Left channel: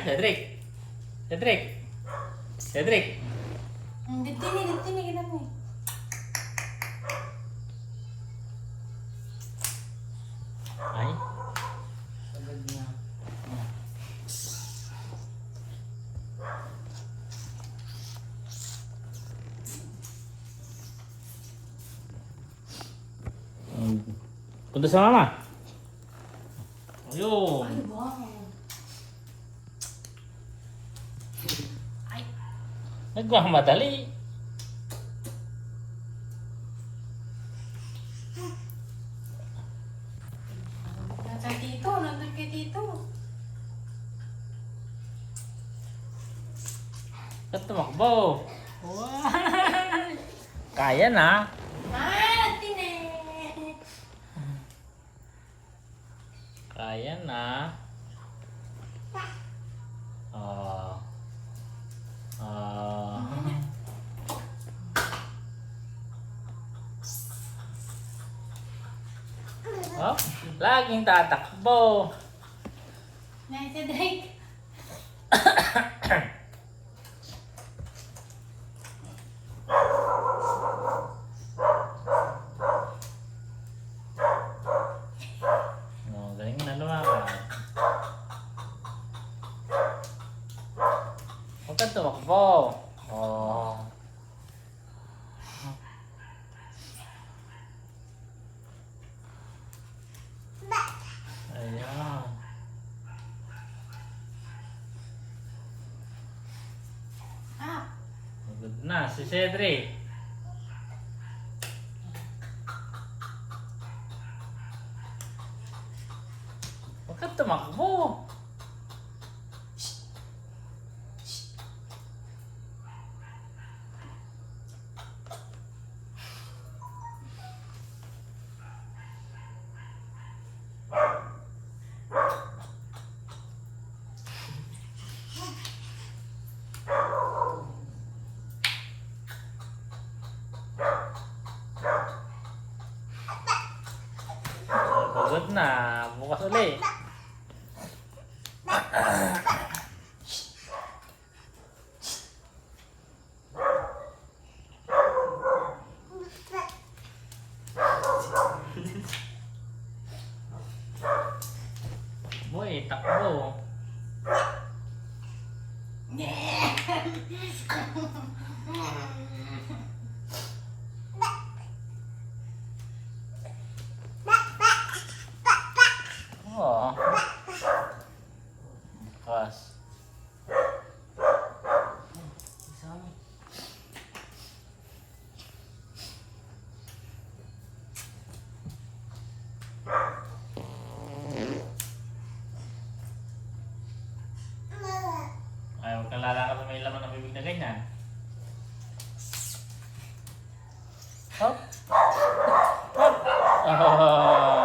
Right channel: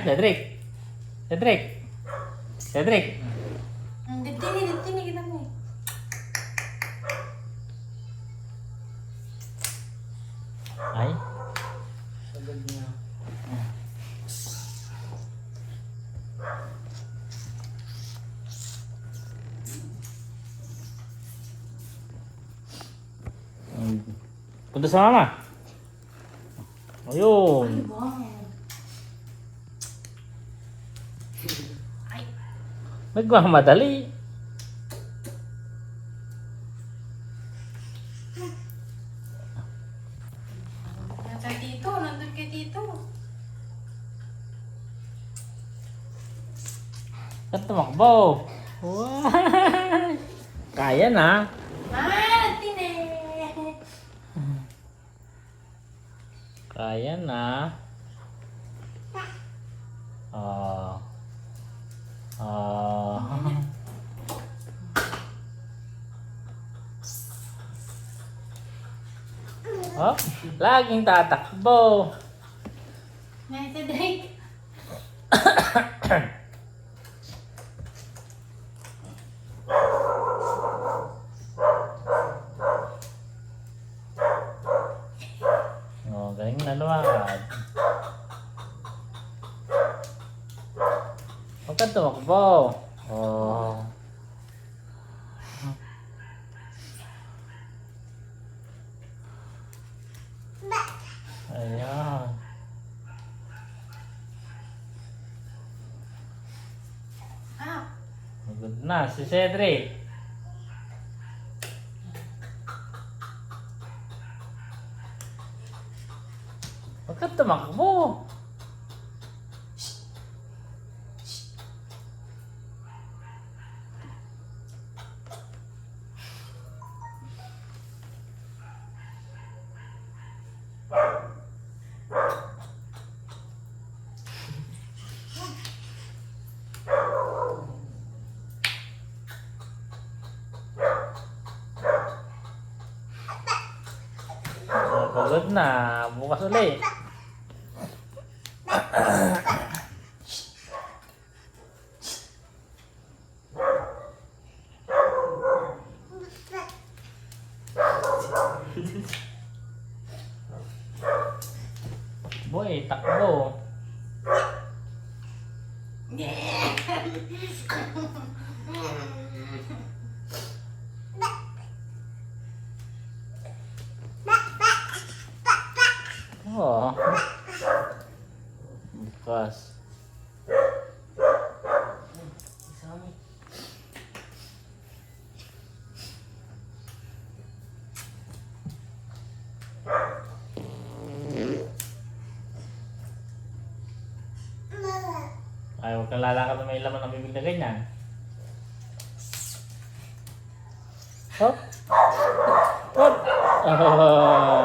Cedric. Cedric. Cedric. Dito ni, kita mo. Ay. Sagad niya. Punta sa mama. Ayun. Ay, ba? Ay. Nagmamadali. Nasa dito, nandun kay dito. Ba't tumakbo? Wow. Kaya na. Martin! Kaya na. Oh. Oh. Oh, laging tatakbo. Nasa Drake. Oh, galing na lumakad. Huwag ka tumakbo. Oh. Ayan. Ah, Good na, si Cedric. Huwag ka tumakbo. Pagod na, bukas ulit. Boy, takbo. Oh. Bukas. Isami. Ay, huwag kang lalakad na may laman ng bibig na ganyan. Hop. Hop. Oh.